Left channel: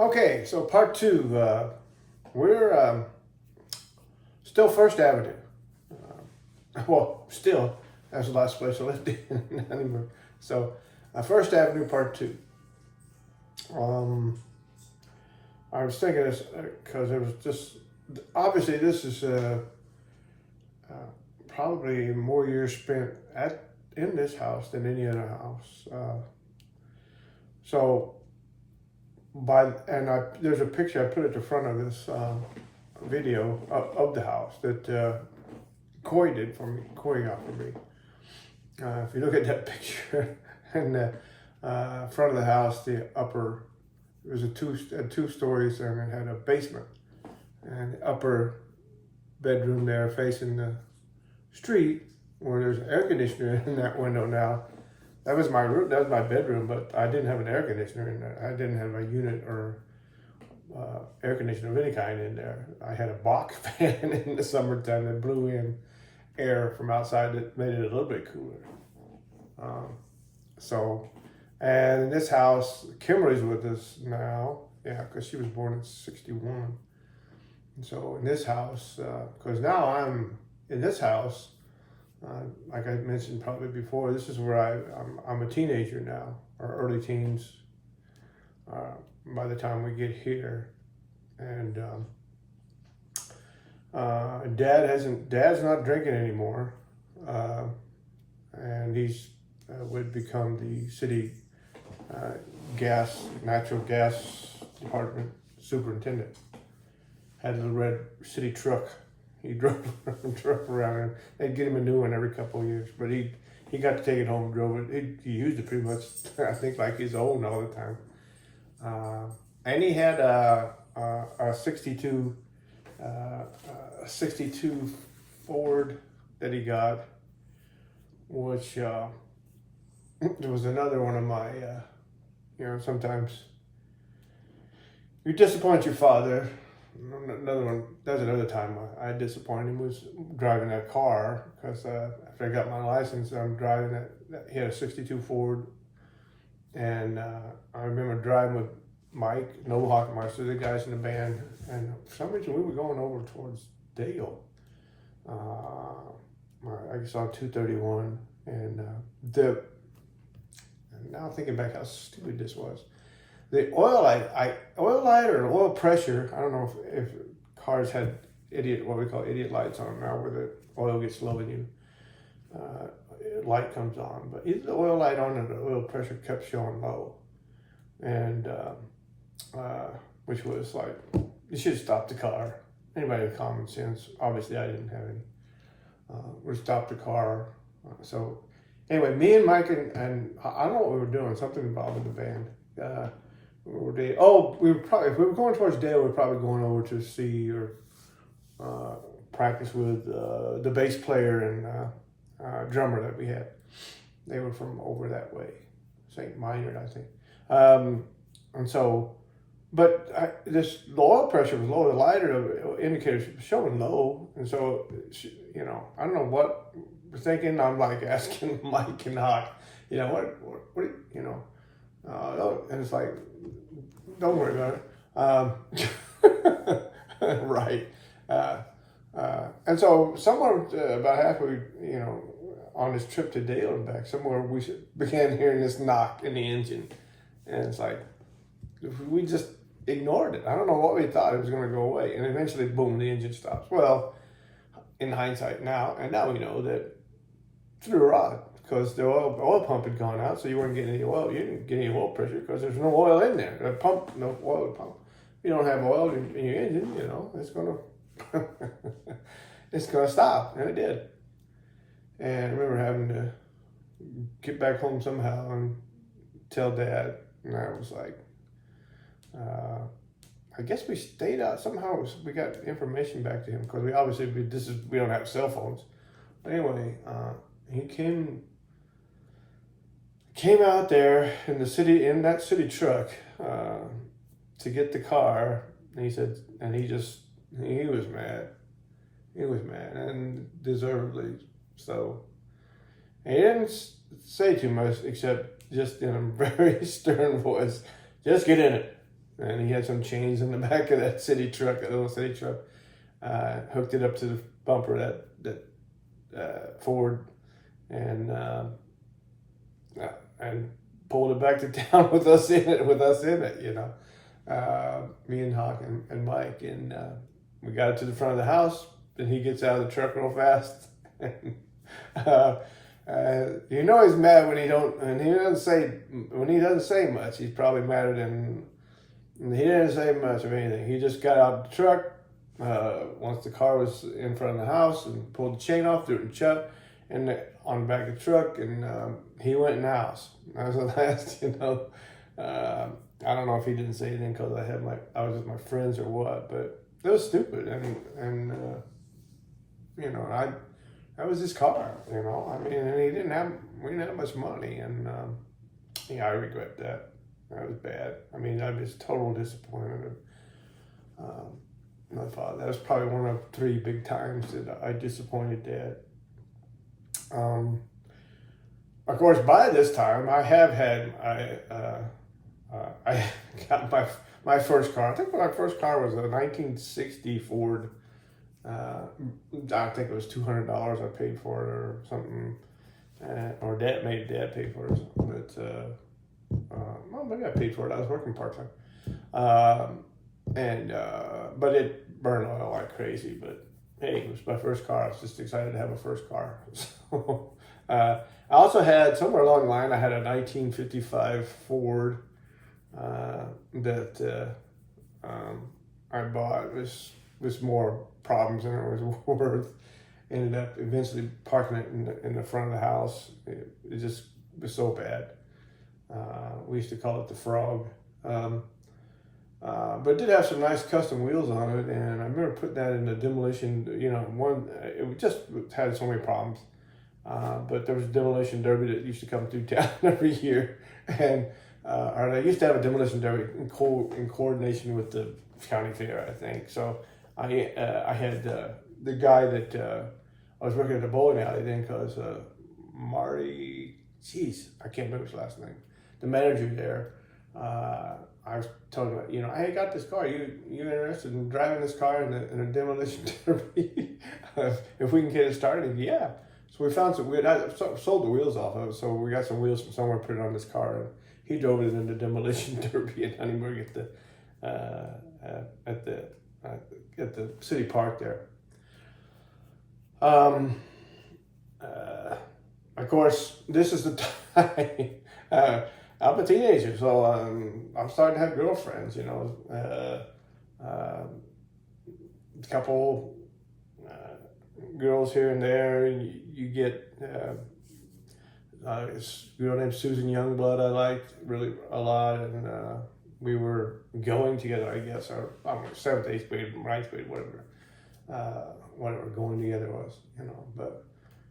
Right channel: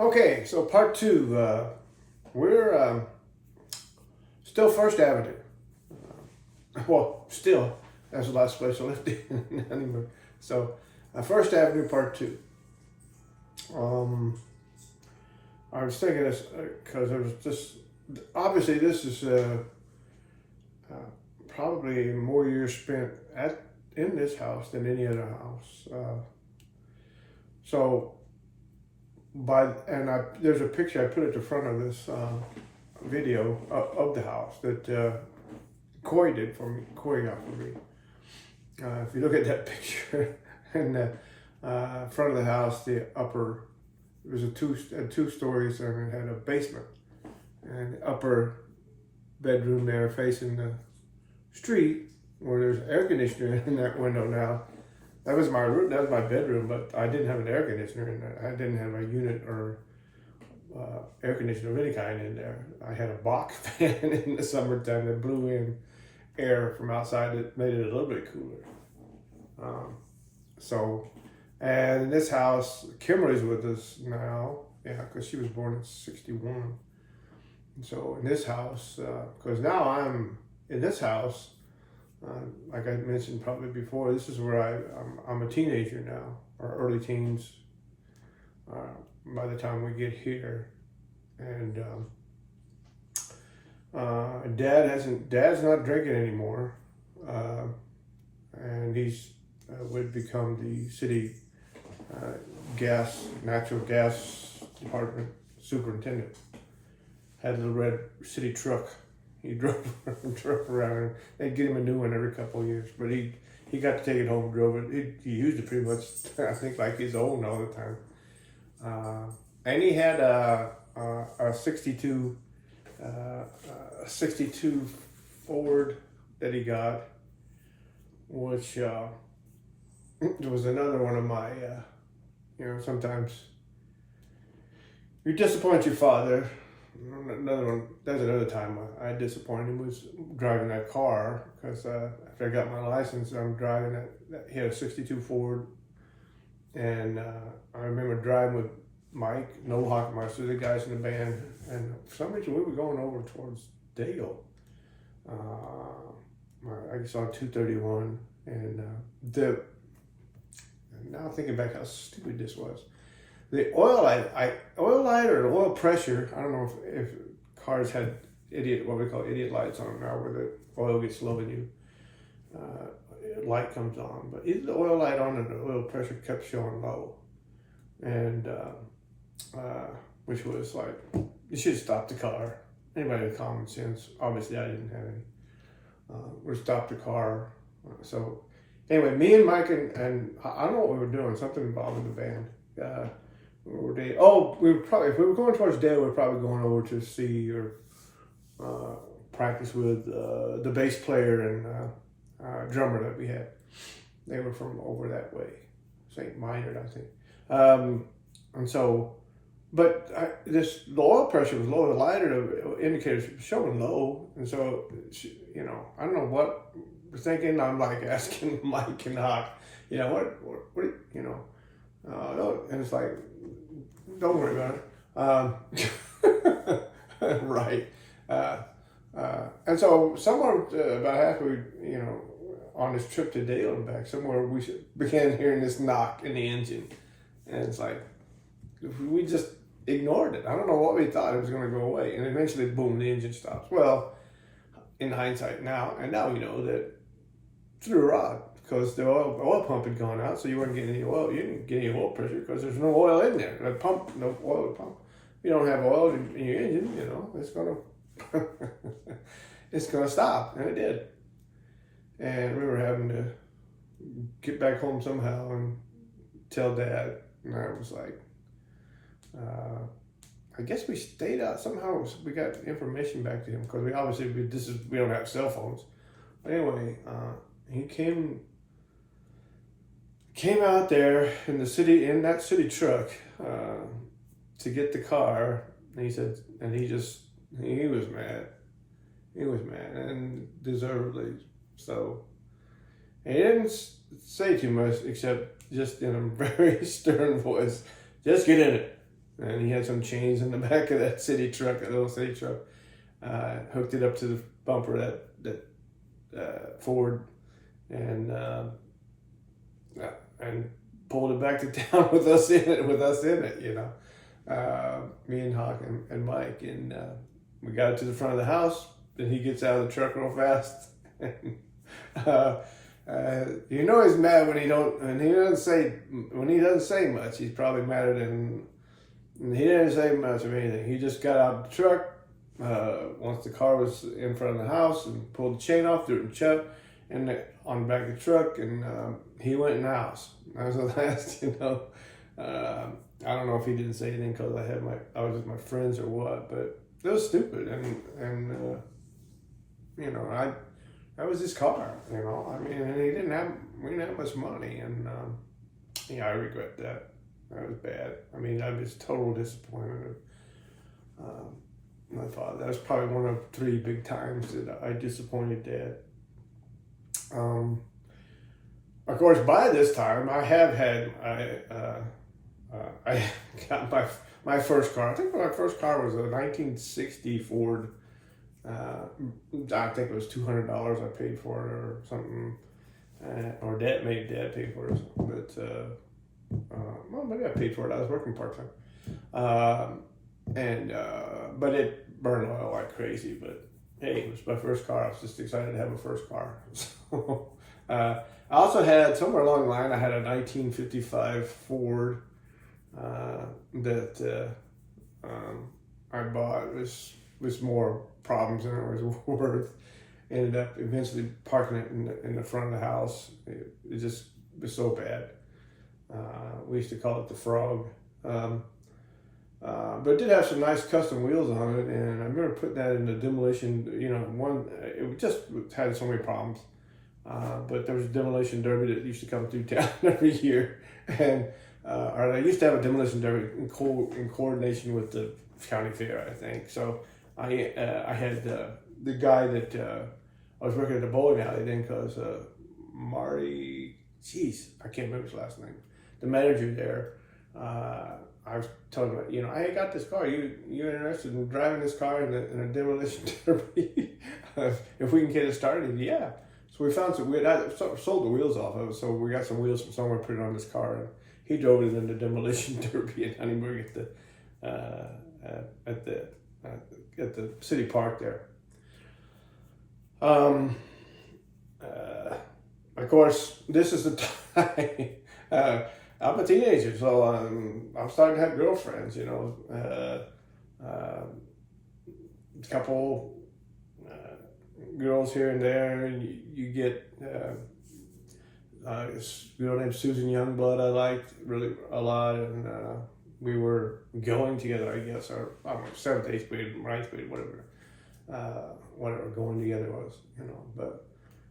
Okay, so part two. We're still First Avenue. Well, still, that's the last place I lived in Huntingburg. So, First Avenue part two. I was thinking this because it was just obviously this is probably more years spent in this house than any other house. So there's a picture I put at the front of this video of the house that Corey did for me. Corey got for me. If you look at that picture in the front of the house, the upper, it was two stories and it had a basement, and the upper bedroom there facing the street where there's an air conditioner in that window now. That was my room. That was my bedroom, but I didn't have an air conditioner in there. I didn't have a unit or air conditioner of any kind in there. I had a box fan in the summertime that blew in air from outside that made it a little bit cooler. And in this house, Kimberly's with us now. Yeah, because she was born in '61. And so in this house, because now I'm in this house. Like I mentioned probably before, this is where I'm a teenager now, or early teens, by the time we get here. And Dad's not drinking anymore, and he's would become the city natural gas department superintendent. Had a little red city truck. He drove around, and they'd get him a new one every couple of years. But he got to take it home and drove it. He used it pretty much, I think, like his own all the time. And he had a 62 Ford that he got, which it was another one of my, sometimes you disappoint your father. Another one, that's another time I disappointed him, was driving that car, because after I got my license, I'm driving that. He had a 62 Ford, and I remember driving with Mike, Noel Hockmeister, the guys in the band, and for some reason we were going over towards Dale, I guess on 231, and now thinking back how stupid this was. The oil light or oil pressure, I don't know if cars had what we call idiot lights on them now, where the oil gets low and light comes on. But either the oil light on or the oil pressure kept showing low. And which was like, you should have stopped the car. Anybody with common sense, obviously I didn't have any, would stop the car. So anyway, me and Mike and I don't know what we were doing, something involving the band. If we were going towards Dale, we were probably going over to see or practice with the bass player and drummer that we had. They were from over that way, St. Minard, I think. And so, but the oil pressure was low. The lighter indicators were showing low, and so I don't know what we're thinking. I'm like asking Mike and Hawk, what and it's like, don't worry about it. Right. And so somewhere about halfway, on this trip to Dale and back, somewhere we began hearing this knock in the engine. And it's like, we just ignored it. I don't know what we thought it was going to go away. And eventually, boom, the engine stops. Well, in hindsight now we know that through a rod, because the oil pump had gone out, so you weren't getting any oil. You didn't get any oil pressure because there's no oil in there. The pump, no oil to pump. You don't have oil in your engine, it's gonna stop, and it did. And I remember having to get back home somehow and tell Dad, and I was like, I guess we stayed out somehow. We got information back to him because we don't have cell phones. But anyway, he came out there in that city truck to get the car, and he said, and he was mad. He was mad, and deservedly so. And he didn't say too much, except just in a very stern voice, just get in it. and he had some chains in the back of that city truck, that little city truck. Hooked it up to the bumper of that Ford, and pulled it back to town with us in it. You know, me and Hawk and Mike, and we got it to the front of the house. And he gets out of the truck real fast. You know he's mad when he doesn't say much. He's probably madder than he didn't say much of anything. He just got out of the truck once the car was in front of the house and pulled the chain off, threw it in Chuck and on the back of the truck, and he went in the house. That was the last, you know. I don't know if he didn't say anything because I was with my friends or what, but it was stupid, and you know, that was his car, you know. I mean, and we didn't have much money, and yeah, I regret that. That was bad. I mean, I was total disappointment of my father. That was probably one of 3 big times that I disappointed Dad. Of course, by this time, I got my first car. I think my first car was a 1960 Ford. I think it was $200 I paid for it or something, or Dad paid for it, but well, maybe I paid for it. I was working part time, but it burned oil like crazy. But hey, it was my first car. I was just excited to have a first car. So, I also had somewhere along the line I had a 1955 Ford that I bought. It was more problems than it was worth. Ended up eventually parking it in the front of the house. It just was so bad. We used to call it the Frog. But it did have some nice custom wheels on it, and I remember putting that in the demolition, you know, it just had so many problems. But there was a demolition derby that used to come through town every year, and or they used to have a demolition derby in coordination with the county fair, I think. So I had the guy that I was working at the bowling alley then, because Marty, I can't remember his last name, the manager there. I was telling him, you know, I got this car. You interested in driving this car in a demolition derby? If we can get it started, yeah. So we found I sold the wheels off of it, so we got some wheels from somewhere, put it on this car, and he drove it in the demolition derby in Huntingburg at the city park there. Of course, this is the time. I'm a teenager, so I'm starting to have girlfriends, you know. A couple girls here and there. You get this girl named Susan Youngblood I liked really a lot, and we were going together, I guess, or I don't know, 7th, 8th grade, 9th grade, whatever going together was, you know. But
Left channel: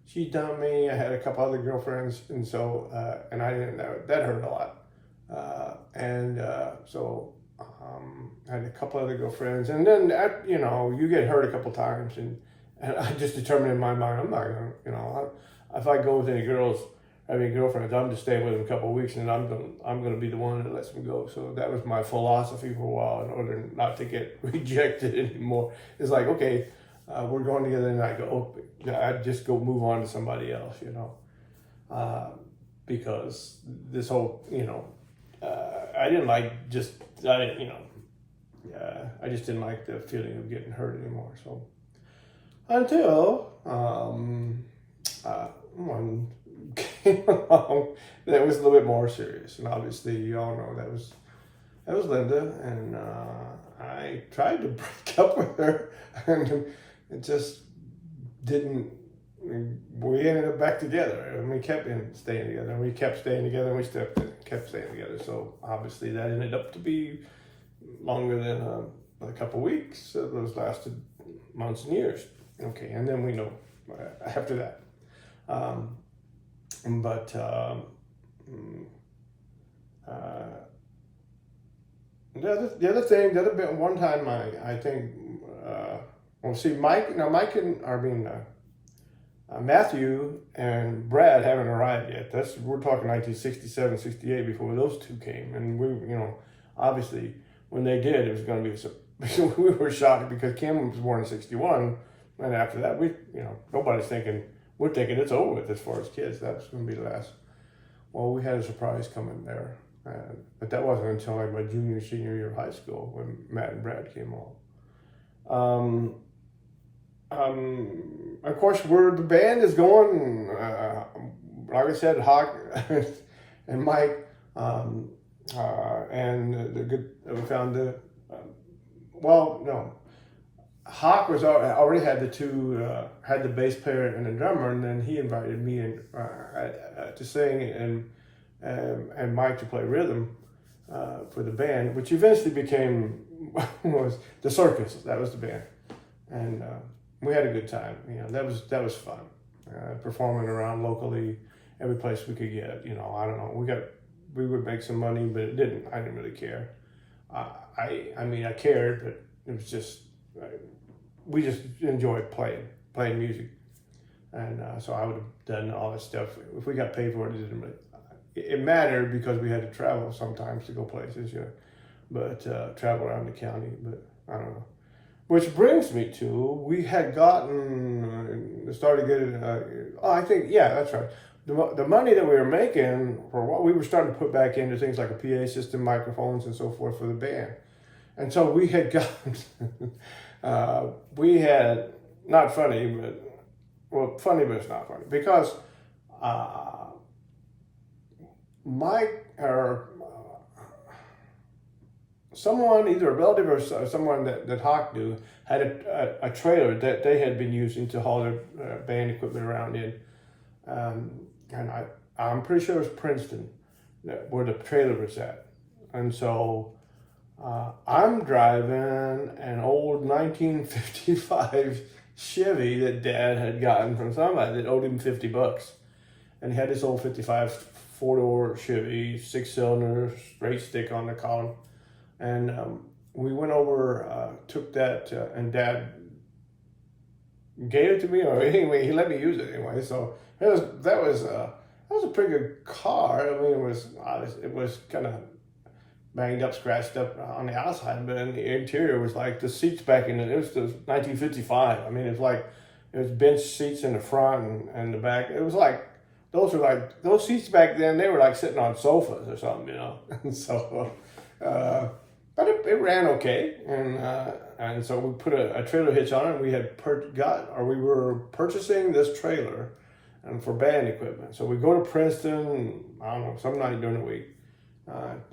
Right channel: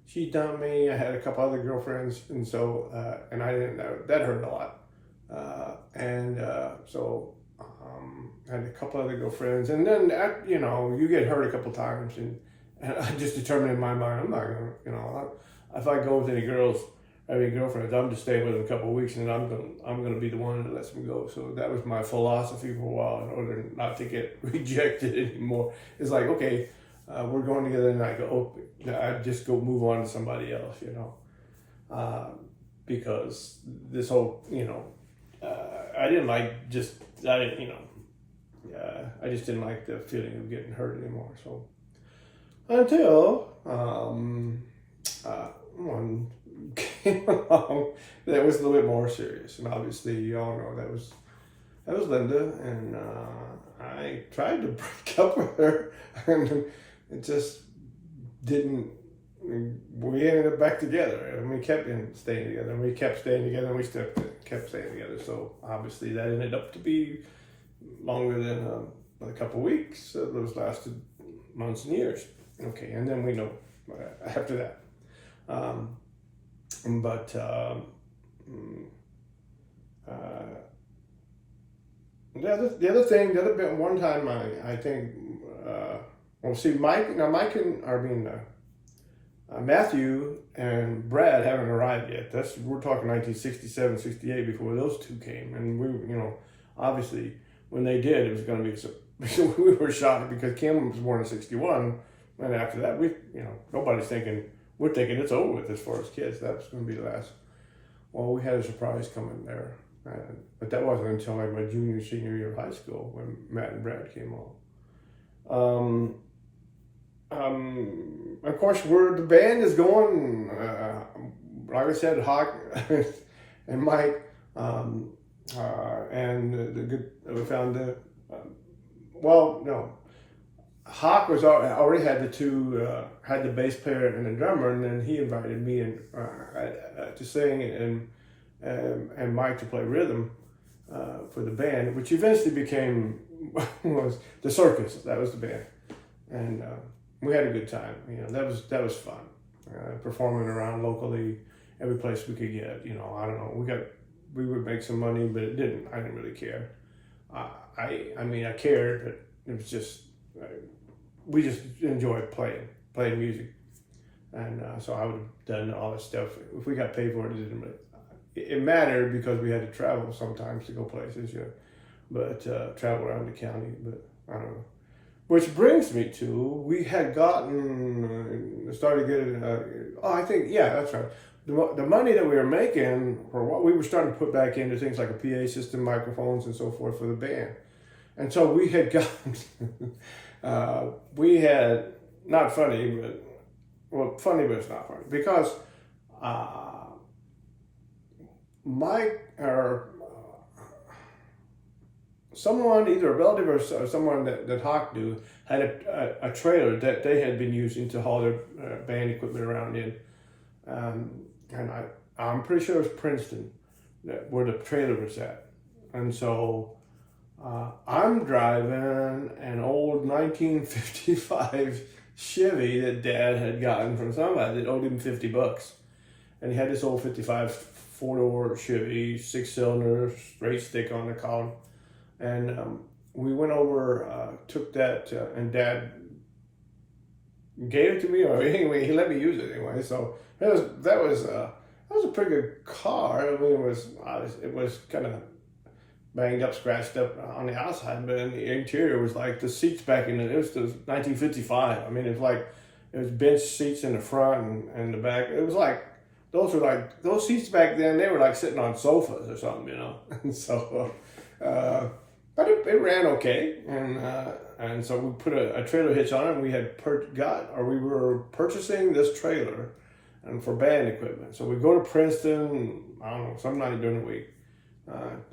she dumped me. I had a couple other girlfriends, and so and I didn't know that hurt a lot. So I had a couple other girlfriends, and then you know, you get hurt a couple times, and I just determined in my mind, I'm not gonna, you know, if I go with any girls, having girlfriends, I'm just staying with them a couple of weeks, and I'm gonna be the one that lets them go. So that was my philosophy for a while, in order not to get rejected anymore. It's like, okay, we're going together, and I go, I just go move on to somebody else, you know, because this whole, you know, I just didn't like the feeling of getting hurt anymore. So until one came along that was a little bit more serious, and obviously you all know that was Linda, and I tried to break up with her, and it just didn't. We ended up back together, and we kept staying together, and we kept staying together, and we kept staying together. So obviously that ended up to be longer than a couple of weeks. Those lasted months and years. Okay, and then we know after that. The other bit, one time I think, Matthew and Brad haven't arrived yet. We're talking 1967, 68 before those two came. And we, you know, obviously when they did, it was going to be we were shocked because Kim was born in '61, and after that, nobody's thinking, we're thinking it's over with as far as kids. That was going to be the last. Well, we had a surprise coming there, but that wasn't until like my senior year of high school when Matt and Brad came on. Of course, where the band is going, like I said, Hawk and Mike, and we found Hawk was already had had the bass player and the drummer, and then he invited me to sing and Mike to play rhythm for the band, which eventually became was the Circus. That was the band, and we had a good time. That was fun, performing around locally, every place we could get. I don't know. We would make some money, but I didn't really care. I cared, but it was just we just enjoyed playing music, and so I would have done all that stuff if we got paid for it. It mattered because we had to travel sometimes to go places, but travel around the county. But I don't know. Which brings me to, we had started getting, that's right. The money that we were making for what we were starting to put back into things like a PA system, microphones, and so forth for the band. And so we had gotten, not funny, but funny, but it's not funny. Because someone, either a relative or someone that Hawk knew, had a trailer that they had been using to haul their band equipment around in. And I'm pretty sure it was Princeton where the trailer was at. And so I'm driving an old 1955 Chevy that Dad had gotten from somebody that owed him $50. And he had this old 55 four-door Chevy, 6-cylinder, straight stick on the column. And we went over, took that, and Dad gave it to me, or anyway, he let me use it anyway. So that was a pretty good car. I mean, it was kind of banged up, scratched up on the outside, but in the interior was like the seats back in it. It was 1955. I mean, it was bench seats in the front and the back. It was like those seats back then. They were like sitting on sofas or something, And so. But it ran okay, and so we put a trailer hitch on it, and we had we were purchasing this trailer, and for band equipment. So we go to Princeton, I don't know, some night during the week.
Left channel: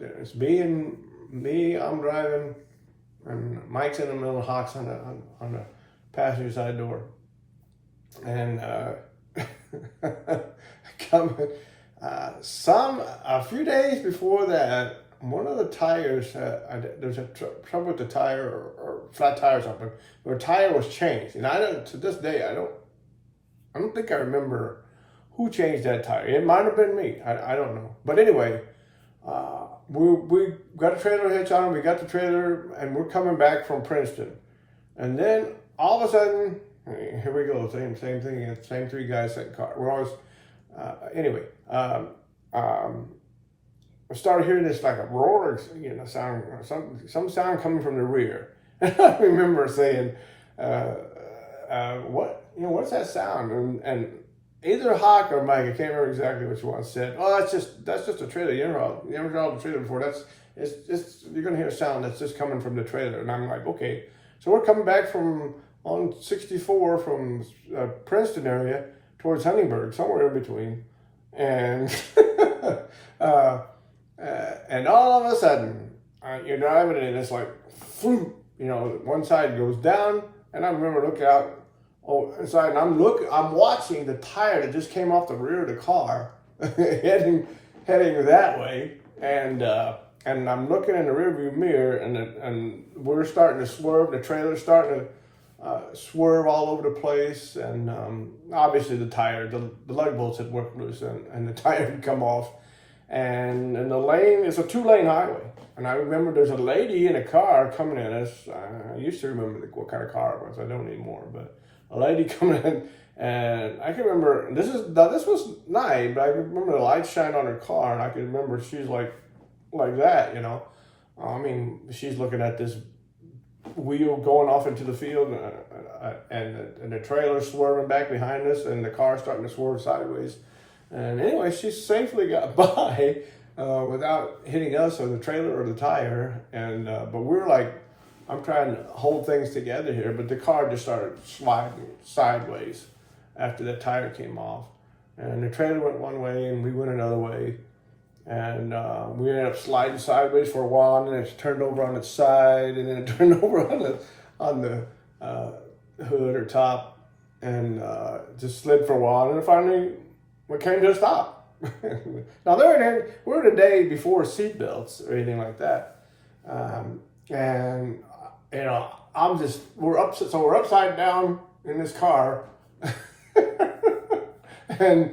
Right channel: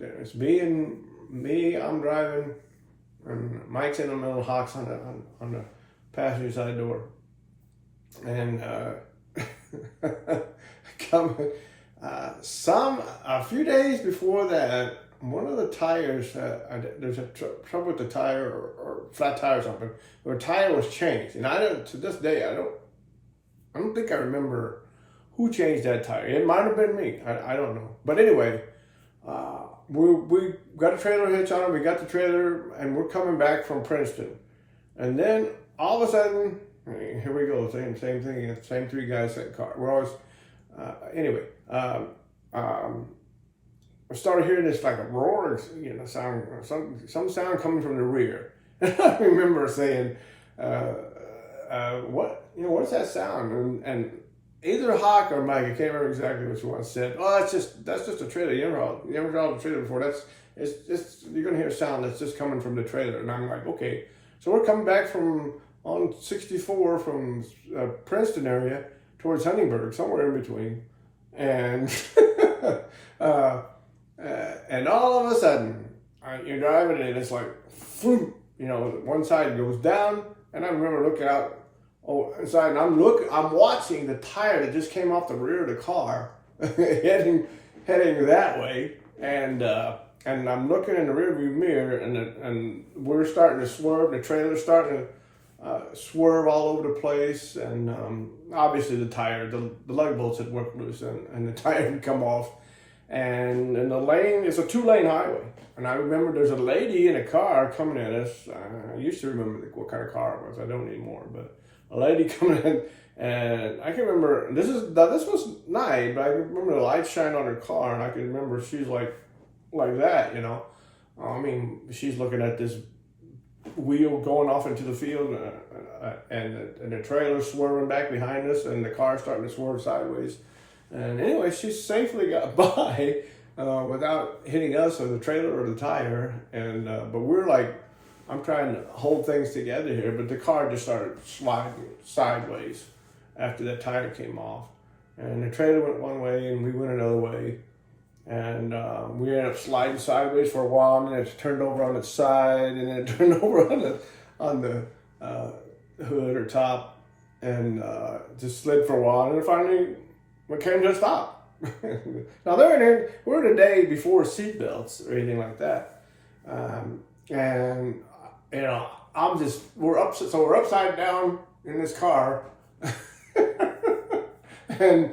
It's me. I'm driving, and Mike's in the middle, Hawk's on the passenger side door, and a few days before that. One of the tires, there's a trouble with the tire or flat tire or something. The tire was changed, and to this day I don't think I remember who changed that tire. It might have been me. I don't know. But anyway, we got a trailer hitch on it. We got the trailer, and we're coming back from Princeton, and then all of a sudden, here we go. Same thing. Same three guys, same car. We're always I started hearing this like a roar, sound, some sound coming from the rear. And I remember saying, what's that sound? And either Hawk or Mike, I can't remember exactly which one, said, "Oh, that's just a trailer. You ever heard the trailer before? You're gonna hear a sound that's just coming from the trailer." And I'm like, okay. So we're coming back on 64 from Princeton area towards Huntingburg, somewhere in between, and. And all of a sudden, you're driving and it's like, one side goes down, and I remember looking out inside, and I'm watching the tire that just came off the rear of the car, heading that way, and I'm looking in the rearview mirror, and we're starting to swerve. The trailer's starting to swerve all over the place, and obviously the tire, the lug bolts had worked loose, and the tire had come off. And in the lane, it's a 2-lane highway. And I remember there's a lady in a car coming in. I used to remember what kind of car it was. I don't anymore. But a lady coming in, and I can remember, this was night, but I remember the lights shine on her car, and I can remember she's like that, I mean, she's looking at this wheel going off into the field, and the trailer swerving back behind us, and the car starting to swerve sideways. And anyway, she safely got by without hitting us or the trailer or the tire. And but we're like, I'm trying to hold things together here, but the car just started sliding sideways after that tire came off. And the trailer went one way and we went another way. And we ended up sliding sideways for a while, and then it turned over on its side, and then it turned over on the hood or top, and just slid for a while, and then finally we came to a stop. Now we're in a day before seatbelts or anything like that, and you know we're upside down in this car, and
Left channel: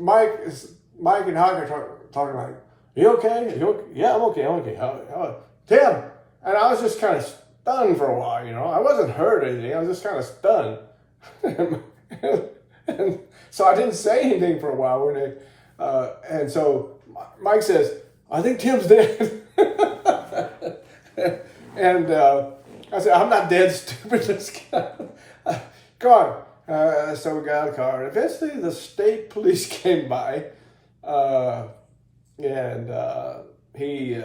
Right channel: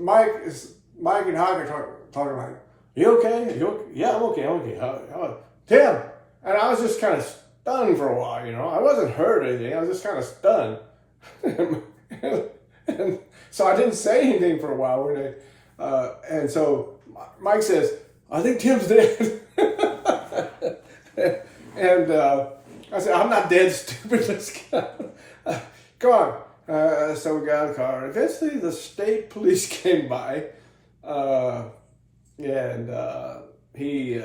Mike and Haggard talking like, you okay? Yeah, I'm okay. How Tim? And I was just kind of stunned for a while, you know. I wasn't hurt or anything. I was just kind of stunned. And so I didn't say anything for a while. And so Mike says, I think Tim's dead. And I said, I'm not dead, stupid. Let's go. Come on. So we got out of the car. Eventually, the state police came by. And he, I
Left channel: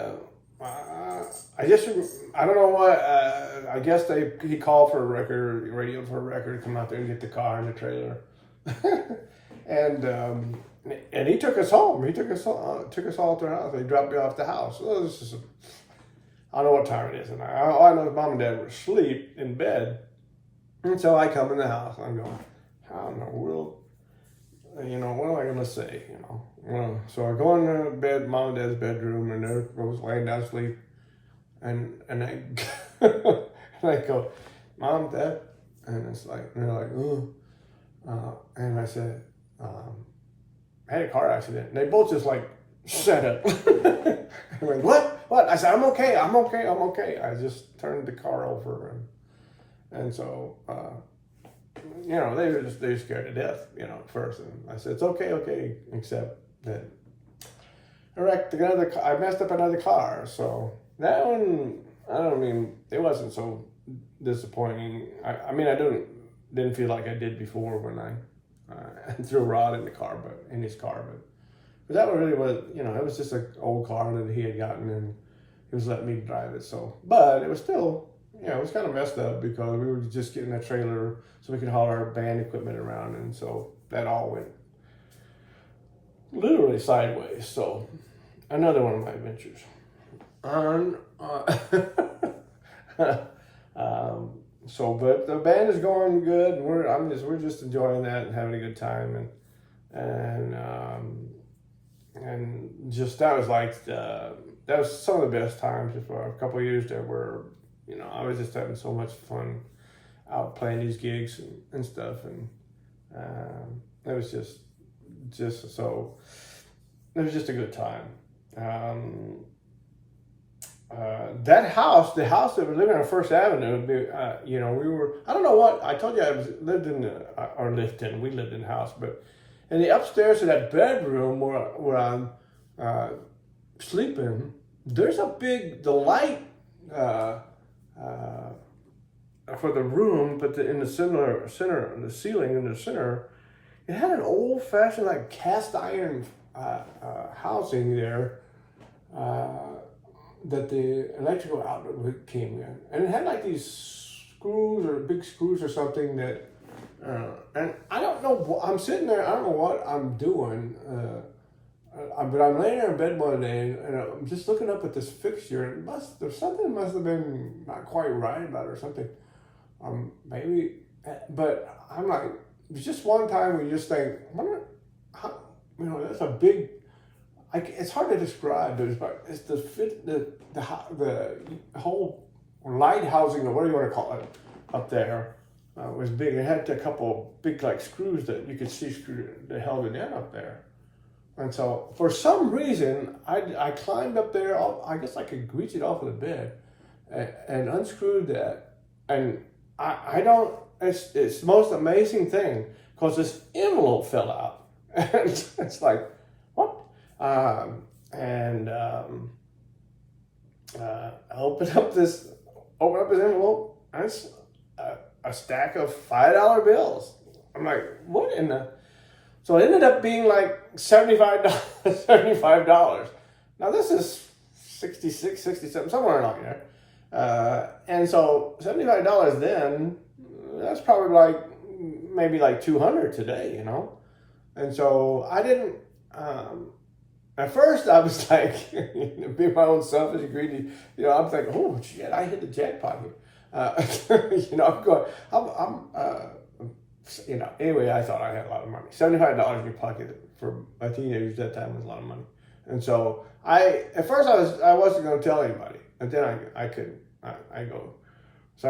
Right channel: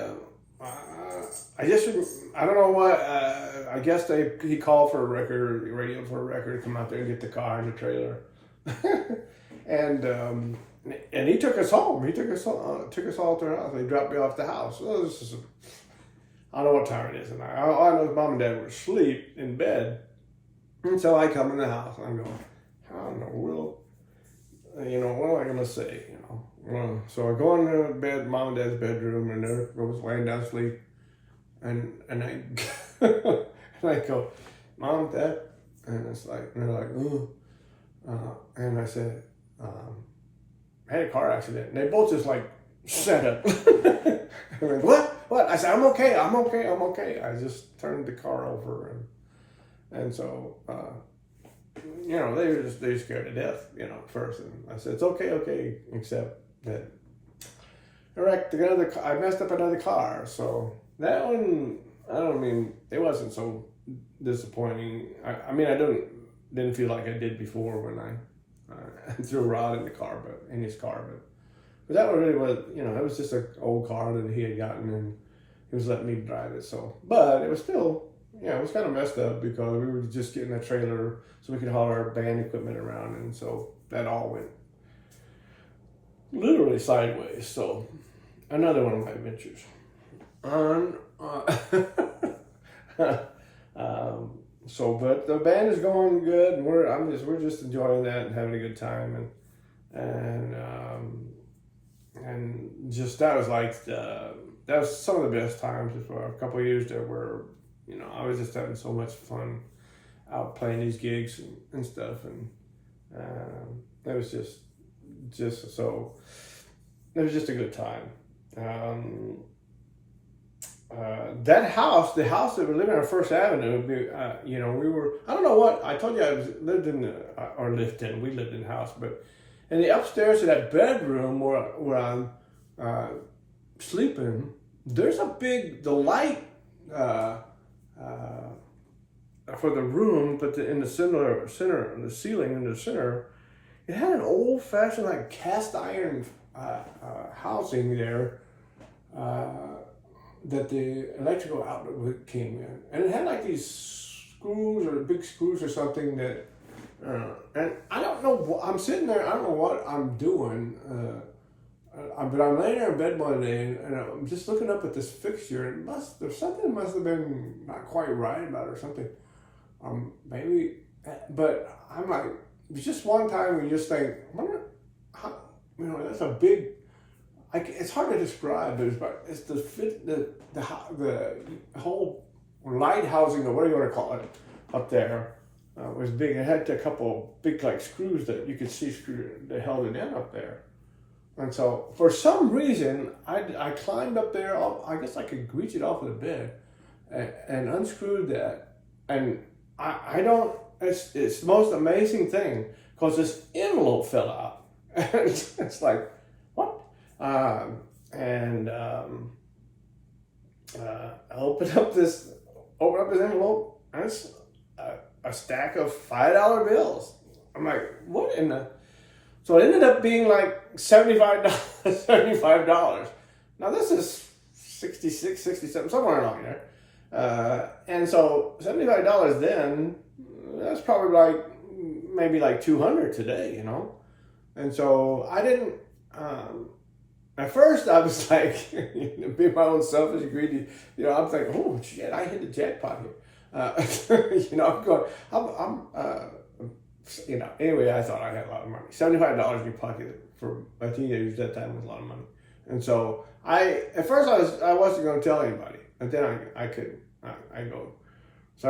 don't know what, I guess he called for a record, radioed for a record to come out there and get the car and the trailer. And he took us home. He took us all to our house. He dropped me off at the house. Well, I don't know what time it is. And all I know is Mom and Dad were asleep in bed. And so I come in the house and I'm going, how in the world, what am I going to say, So I go into bed, Mom and Dad's bedroom, and there I was laying down asleep. And I, and I go, Mom, Dad, and they're like, ooh. And I said, I had a car accident. And they both just sat up. I went, what? I said, I'm okay. I just turned the car over. And so, they were just scared to death, at first. And I said, it's okay, except that I messed up another car. So that one, it wasn't so disappointing. I didn't feel like I did before when I threw Rod in his car, but that one really was, it was just an old car that he had gotten, and he was letting me drive it. So, but it was still, it was kind of messed up because we were just getting a trailer so we could haul our band equipment around, and so that all went literally sideways. So another one of my adventures. But the band is going good, and we're just enjoying that and having a good time, and just that was some of the best times for a couple of years there were, I was just having so much fun out playing these gigs and stuff, and it was just so it was just a good time. The house that we lived in on First Avenue, I don't know what, I told you we lived in the house, but in the upstairs of that bedroom where I'm sleeping, there's the light for the room, but in the center, the ceiling in the center, it had an old-fashioned cast iron housing there that the electrical outlet came in, and it had these screws or big screws or something that, and I don't know. I'm sitting there. I don't know what I'm doing. But I'm laying there in bed one day, and I'm just looking up at this fixture. And something must have been not quite right about it or something. Maybe, but I'm like, it's just one time we just think, I wonder how, that's a big. It's hard to describe, but it's the whole light housing, or whatever you want to call it, up there was big. It had a couple big screws that you could see that held it in up there. And so for some reason, I climbed up there. I guess I could reach it off of the bed and unscrewed that. And I don't. It's the most amazing thing because this envelope fell out. And it's like, what? I open up this envelope, and it's a stack of $5 bills. I'm like, what in the? So it ended up being like $75, $75. Now this is 66, 67, somewhere along there. And so $75 then, that's probably like, maybe like 200 today, you know? And so I didn't, at first I was like, being my own selfish, greedy, you know, I'm thinking, oh shit, I hit the jackpot here. You know, I'm going, you know, anyway, I thought I had a lot of money. $75 in your pocket for a teenager at that time was a lot of money. And so at first I wasn't going to tell anybody, and then I go. So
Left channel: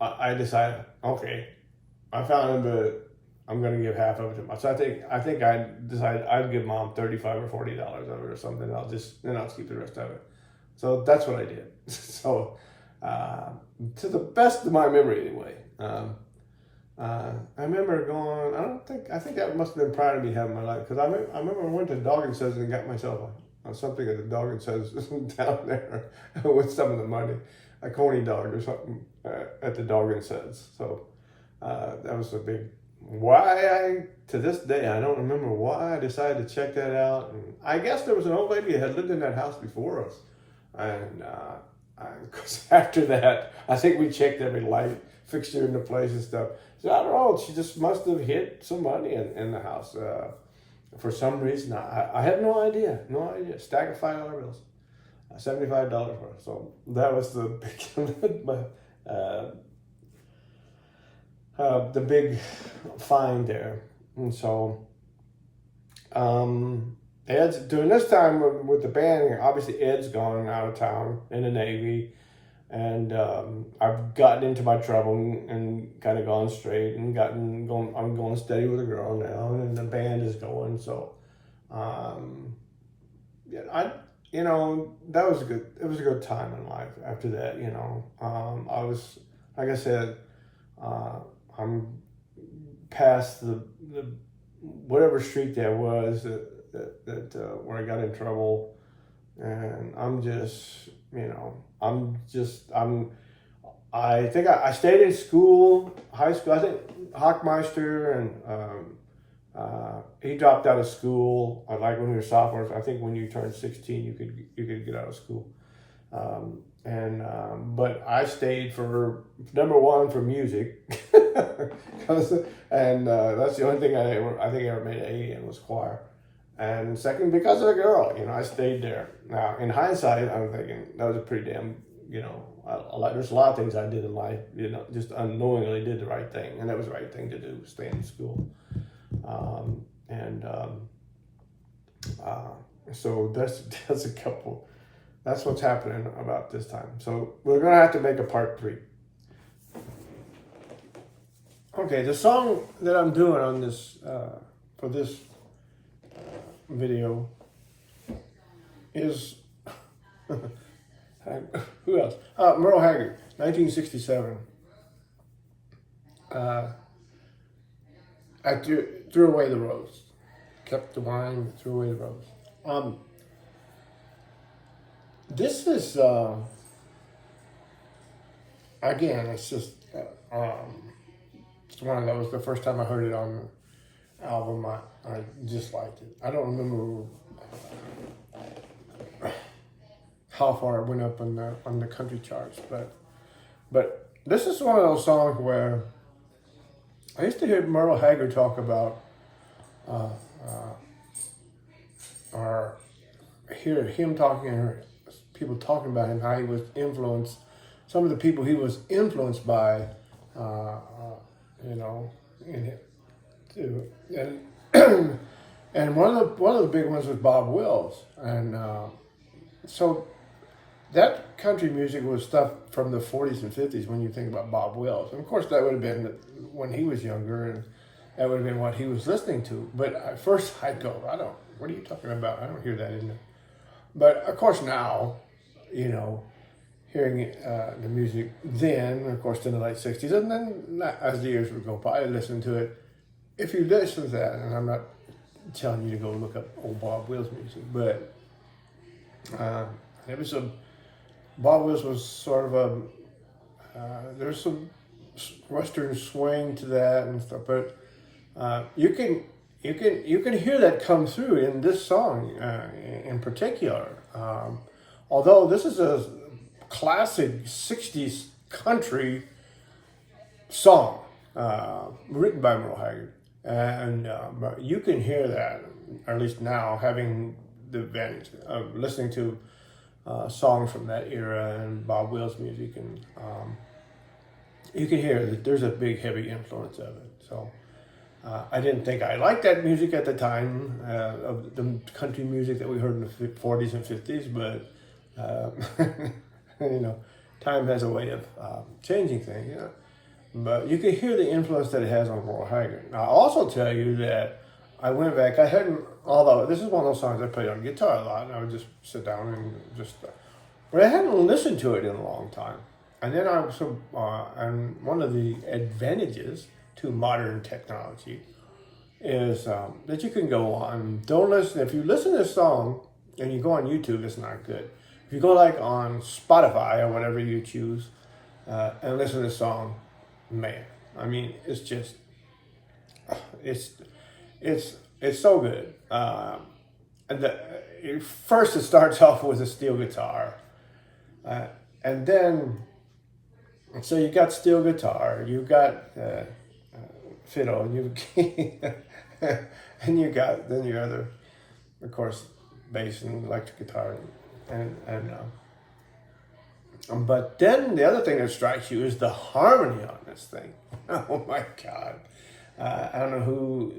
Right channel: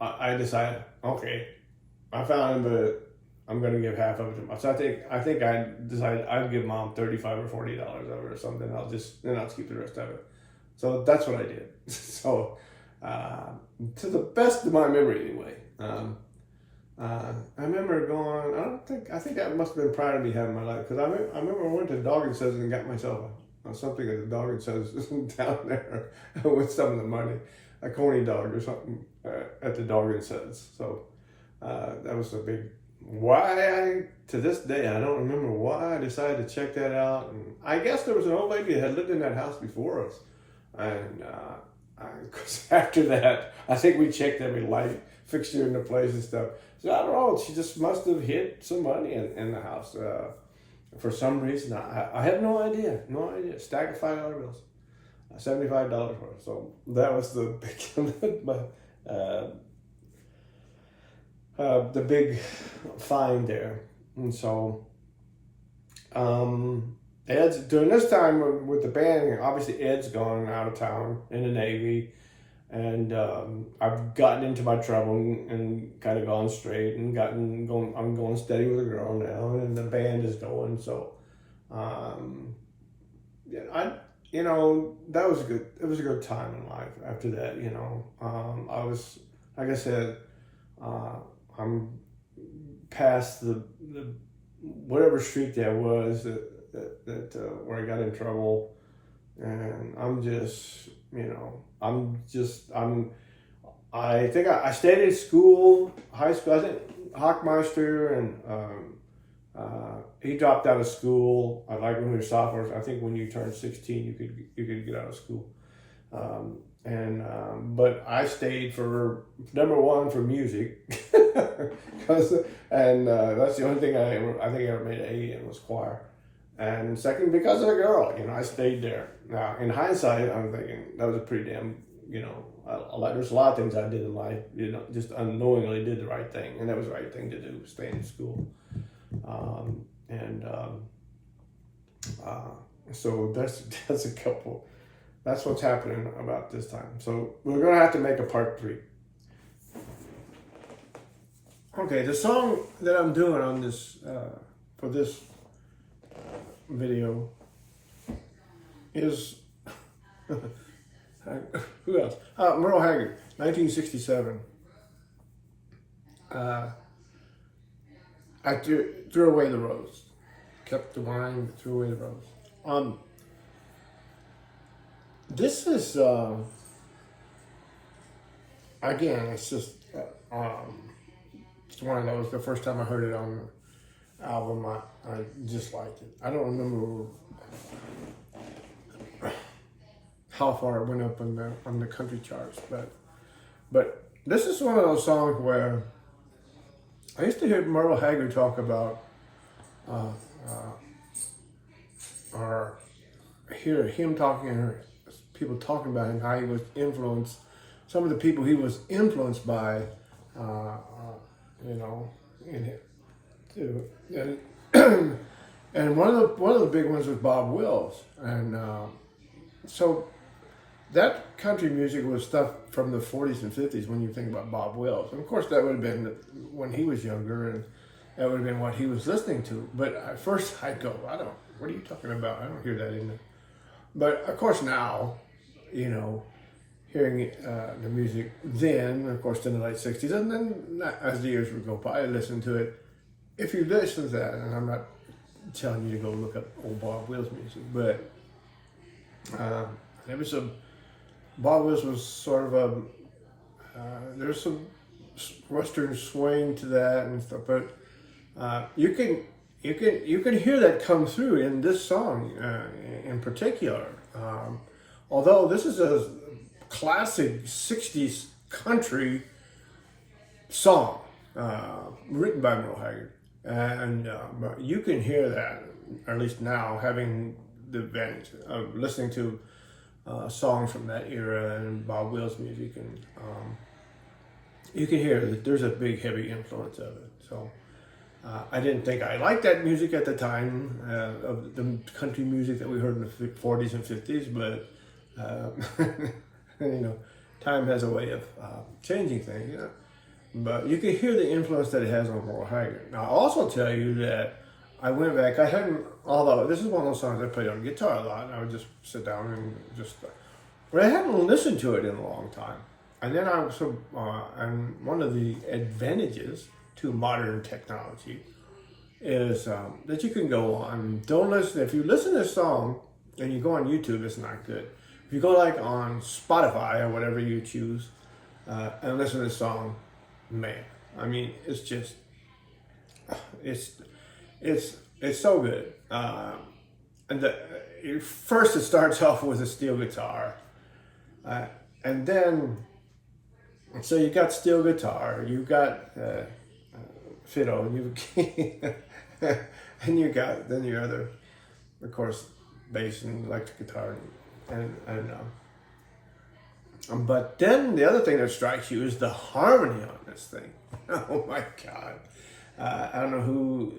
I decided, okay, I found him, but I'm going to give half of it to mom. So I think I decided I'd give mom $35 or $40 of it or something. I'll just keep the rest of it. So that's what I did. So to the best of my memory, anyway. I remember going. I think that must have been prior to me having my life, because I remember I went to Dog and Says and got myself something at the Dog and Says down there with some of the money, a coney dog or something at the Dog and Says. So that was a big. To this day, I don't remember why I decided to check that out. And I guess there was an old lady that had lived in that house before us, and cause after that, I think we checked every light fixture in the place and stuff. So I don't know. She just must have hid some money in the house for some reason. I have no idea. No idea. Stack of $5 bills, $75 worth. So that was the big find there. And so Ed's during this time with the band. Obviously, Ed's gone out of town in the Navy. And I've gotten into my trouble and kind of gone straight and I'm going steady with a girl now, and the band is going. So, yeah, that was it was a good time in life after that, you know. I was, like I said, I'm past the whatever street that was that where I got in trouble, and I'm just, you know, I think I stayed in school, high school. I think Hockmeister and he dropped out of school. Like when we were sophomores, I think when you turned 16, you could get out of school. But I stayed for number one for music, that's the only thing I think I ever made an A in was choir. And second, because of the girl, you know, I stayed there. Now, in hindsight, I'm thinking that was a pretty damn, you know, there's a lot of things I did in life, you know, just unknowingly did the right thing, and that was the right thing to do, stay in school. So that's a couple. That's what's happening about this time. So we're gonna have to make a part 3. Okay, the song that I'm doing on this for this video is who else? Merle Haggard, 1967. I threw away the rose, kept the wine, threw away the rose. This is again, it's just it's one of those. The first time I heard it on the album, I just liked it. I don't remember how far it went up on the country charts, but this is one of those songs where I used to hear Merle Haggard talk about, or hear him talking, or people talking about him, how he was influenced. Some of the people he was influenced by, you know, and one of the big ones was Bob Wills, and so that country music was stuff from the 40s and 50s when you think about Bob Wills. And of course, that would have been when he was younger, and that would have been what he was listening to. But at first, I'd go, what are you talking about? I don't hear that in there. But of course, now, you know, hearing the music then, of course, in the late 60s, and then as the years would go by, I listened to it. If you listen to that, and I'm not telling you to go look up old Bob Wills music, but it was a Bob Wills was sort of a there's some Western swing to that and stuff, but you can hear that come through in this song in particular. Although this is a classic '60s country song written by Merle Haggard, and but you can hear that, or at least now, having the advantage of listening to songs from that era and Bob Wills music, and you can hear that there's a big heavy influence of it. So I didn't think I liked that music at the time of the country music that we heard in the 40s and 50s, but you know, time has a way of changing things. You know? But you can hear the influence that it has on Merle Haggard. Now, I'll also tell you that I went back, I hadn't, although this is one of those songs I played on guitar a lot, and I would just sit down and just, but I hadn't listened to it in a long time. And then I was, and one of the advantages to modern technology is that you can go on, don't listen, if you listen to this song and you go on YouTube, it's not good. If you go like on Spotify or whatever you choose and listen to this song, man, I mean, it's just, it's so good. And first it starts off with a steel guitar. And then, so you got steel guitar, you got fiddle, and and you got then your other, of course, bass and electric guitar, but then the other thing that strikes you is the harmony on this thing. Oh my God. I don't know who,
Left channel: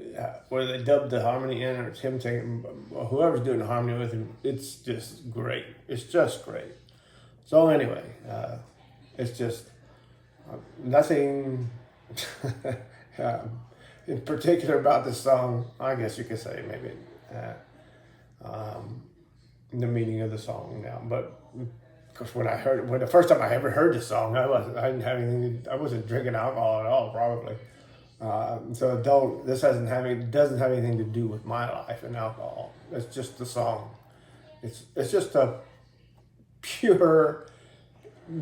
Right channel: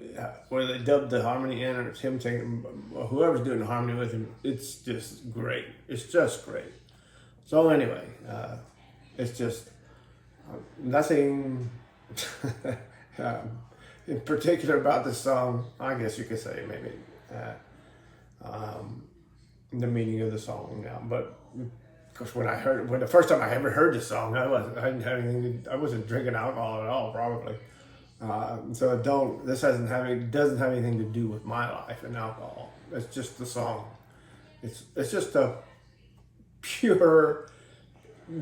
whether they dubbed the harmony in or it's him taking, whoever's doing the harmony with him, it's just great. It's just great. So anyway, it's just nothing in particular about this song. I guess you could say maybe the meaning of the song now, but because when the first time I ever heard the song, I didn't have anything. I wasn't drinking alcohol at all, probably. So this doesn't have anything to do with my life and alcohol. It's just the song. It's just a pure,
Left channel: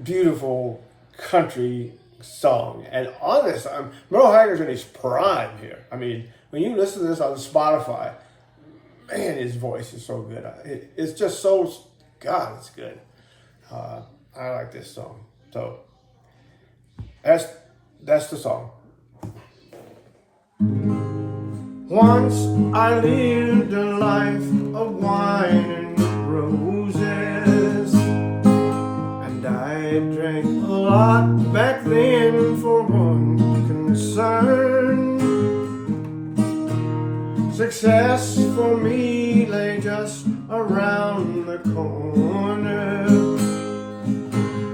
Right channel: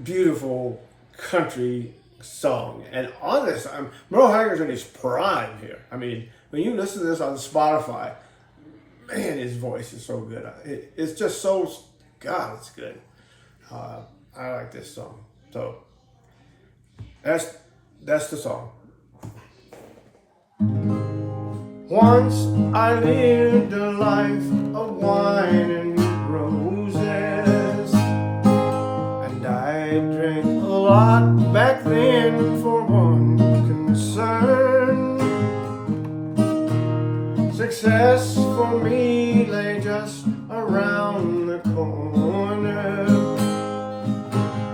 beautiful country song. And on this, Merle Haggard's in his prime here. I mean, when you listen to this on Spotify, man, his voice is so good. It's just so, God, it's good. I like this song. So that's the song. Once I lived a life of wine and roses, and I drank a lot back then for one concern. Success for me lay just around the corner.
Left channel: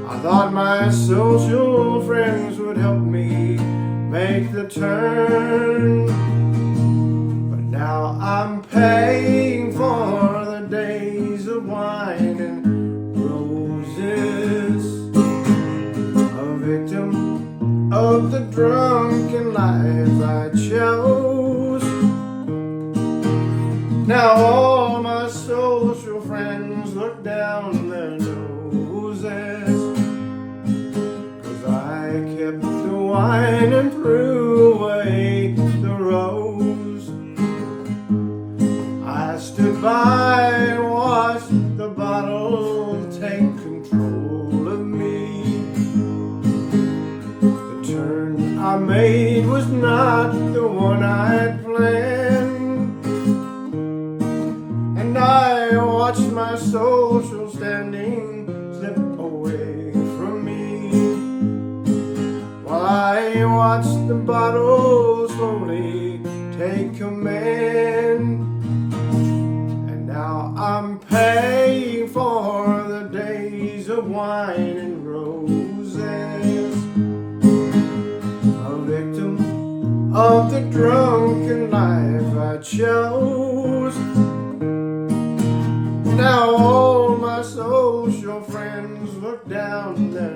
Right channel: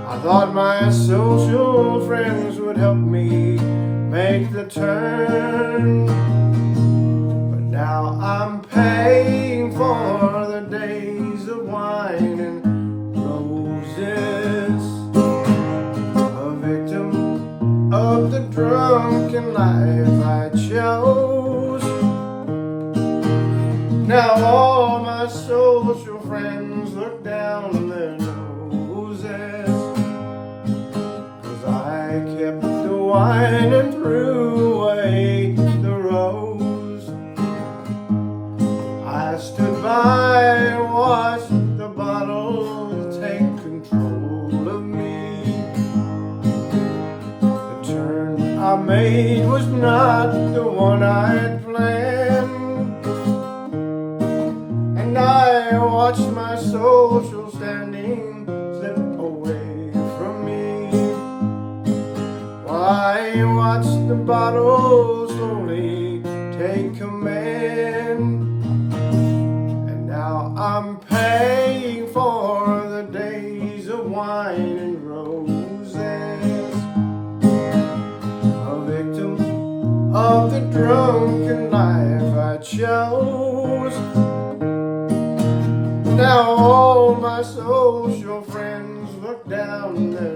I thought my social friends would help me make the turn, but now I'm paying for the days of wine and roses, a victim of the drunken life I chose. Now all my social friends look down their noses, 'cause I kept the wine and threw away the rose. I stood by and watched the bottle take control of me. The turn I made was not the one I'd planned, and I watched my social standing slip away from me. I watched the bottle slowly take command, and now I'm paying for the days of wine and roses, a victim of the drunken life I chose. Now all my social friends look down their